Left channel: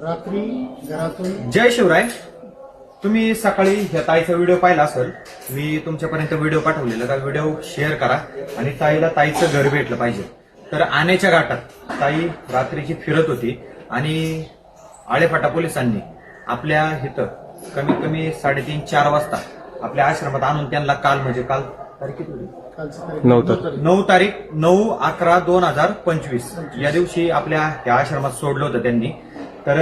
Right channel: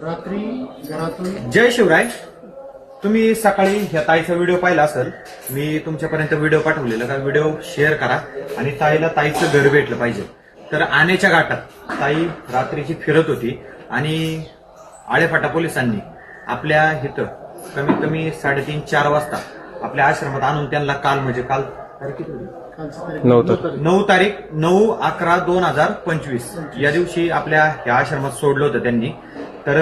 रात्री घरातून जय शिवराय. तुम्ही सकाळी ह्या ताईचा व्हिडिओ पाहिला असेल. मी तुमच्यापर्यंत व्हिडिओ पाठवलेला. तर व्हिडिओ शेअर करा आणि ताईला ताईचं घर भेटलं पाहिजे. तर आण्याच्या घाटात ताई रात्रीची फिरत होती आणि आळेफाटा पोलिसांनी आपल्या इथं कमीत कमी 3:30-4 वाजता आपल्या आश्रमात आणून त्यांना काल तारीख किती होती? 9 तारीख 9/11/2025 या दिवशी आपल्या ह्या आश्रमात सोडलं होतं त्यांनी. तर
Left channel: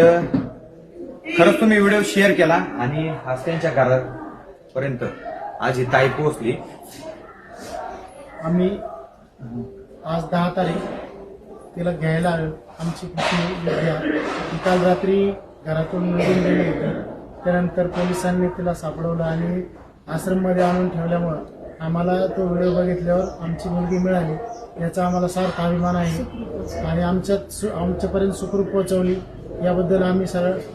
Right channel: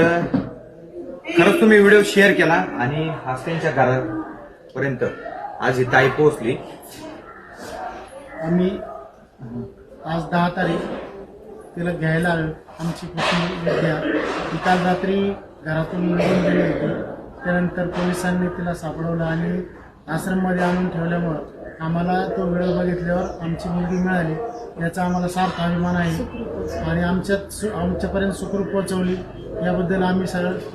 खरंच तुम्ही व्हिडिओ शेअर केला आणि आज त्यांच्या घरापर्यंत आज ही ताई पोहोचली. आम्ही आज 10 तारीख तिला घ्यायला आलो. आमची विद्या ती काल रात्री घरातून निघून गेली होती. त्यानंतर पोलिसांनी तिला सापडवलं आणि आश्रममध्ये आणून ठेवल्यामुळं आम्हाला तो व्हिडिओ बघितल्यावर आमची मुलगी मिळाली याचा आम्हाला सार्थ अभिमान आहे आणि आमच्यापर्यंत सुखरूप पोहोचवली याबद्दल आम्ही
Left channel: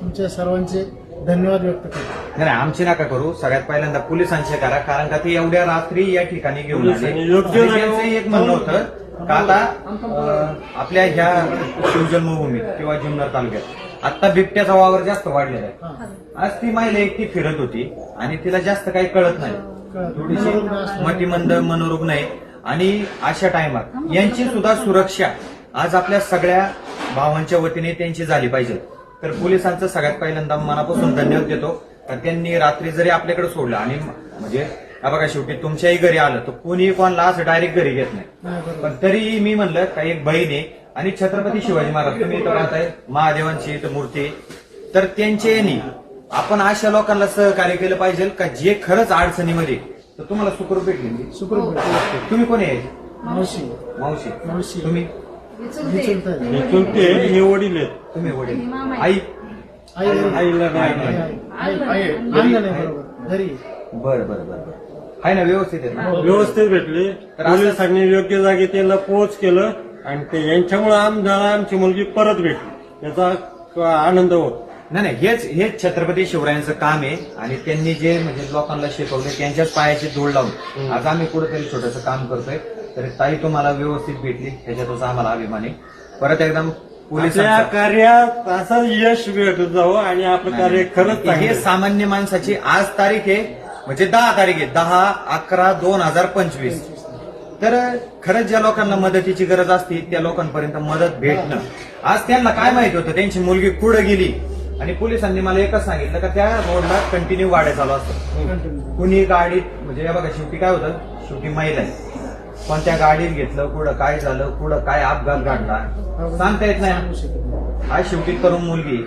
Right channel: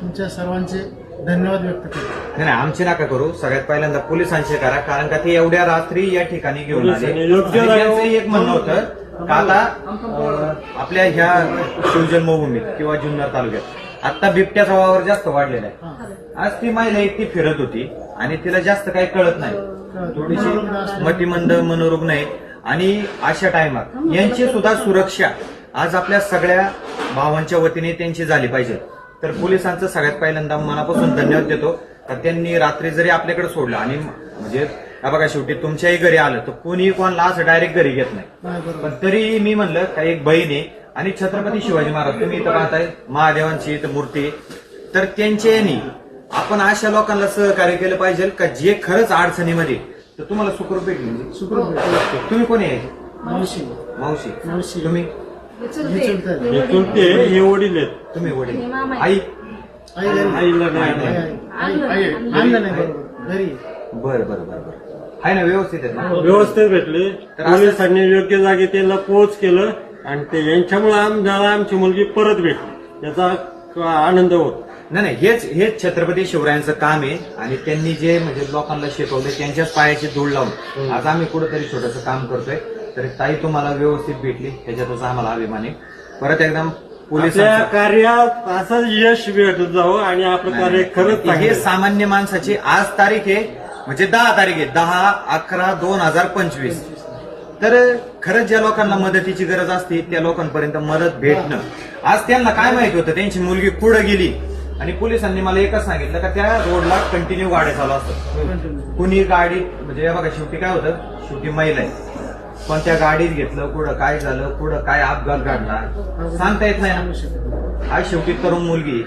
तुमच्या सर्वांचे धन्यवाद व्यक्त करतो. नाही, आमची नका करू. सगळ्यात पहिल्यांदा पोलिसांचे करा, कारण का ते एवढ्या रात्री या ठिकाणी घेऊन आले. आणि त्यांचं एक म्हणणं होतं का आता आपल्या ह्या शिवजन्मभूमी किंवा जुन्नर तालुक्यात आता बिबट्याचा वावर जास्त वाढलेला आहे. आज ती महिला एकटी फिरत होती आणि तिला जास्त काही कळत नाही. थोडीशी मतिमंद मनोरुग्ण आहे आणि अशा टायमात यांची सुद्धा सुरक्षा आज आपल्या सगळ्या भावांच्या वतीने त्यांची झाली पाहिजे. तर पोलिसांचं सगळ्यात पहिल्यांदा मनापासून धन्यवाद देतो का त्यांनी रात्री जरी आपल्याकडे सोडलं आणि म्हणजे बघा शेवटी तुमच्याही घरी आलं तर कुणी कोणाला असं डायरेक्ट घरी घेत नाही. पण तरीही मी म्हणलं का एक बहीण आहे आणि छत्रपती शिवाजी महाराज तुम्ही इथं पाहताय महादेवांची इथं मूर्ती. तर त्यांच्या यांनी आपण अशा लोकांना सहकार्य केलं पाहिजे का जे खरंच अडचणीमध्ये. तर तुम्हाला सुखरूप भेटली. सुखरूप तुम्ही कोणी आहे? मावशी मावशी. तुम्ही हे वडील आहेत. तुम्ही वडील. आई आईला नाही. आणलं नाही बरोबर घरी. बरं आहे ना, व्यवस्थित आहे ना? व्यवस्थित भेटले. पोलिसांनी योग्य जागी त्याला पोच केलं आणि ते यांच्यामुळे आमची मुलगी परत भेटली याचा आनंद होत. नाही, हेच छत्रपती शिवरायांचं काम आहे आणि त्यांनी जे म्हणजे लोकांना शिकवलं त्यांच्याच पायाची धूळ लावून आज आम्ही कुठेतरी छोटंसं काम करतोय. तर ताई तुम्हाला व्यवस्थित भेटली ह्याच्यातच आम्हाला अभिमान आहे. परत एकदा पोलिसांच्या कार्यात असं यश भेटत जावं आणि आपलं कार्य खरंच हे सामान्य माणसाची आज तारीख आहे म्हणजे 10 तारीख आहे 10/11/2025. तर खरंच ज्या लोकांना मदतीची गरज असते त्या लोकांपर्यंत मदत भेटणं. आज त्यांना काय माहिती होतं त्यांची मुलगी पुढे गेली आणि पोलिसांनी मला एकच सांगितलं का त्या रोडला कंटिन्यू गाड्या चालू असतात. कुणी गाडीत म्हणजे बघा शेवटी काय होतं, शेवटी महिला आहे पण त्या गाडीत घेतलं पुढं काय झालं, पुढं काय अपघात घडला सांगता येत नाही. आज शेवटी तरुण मुलगी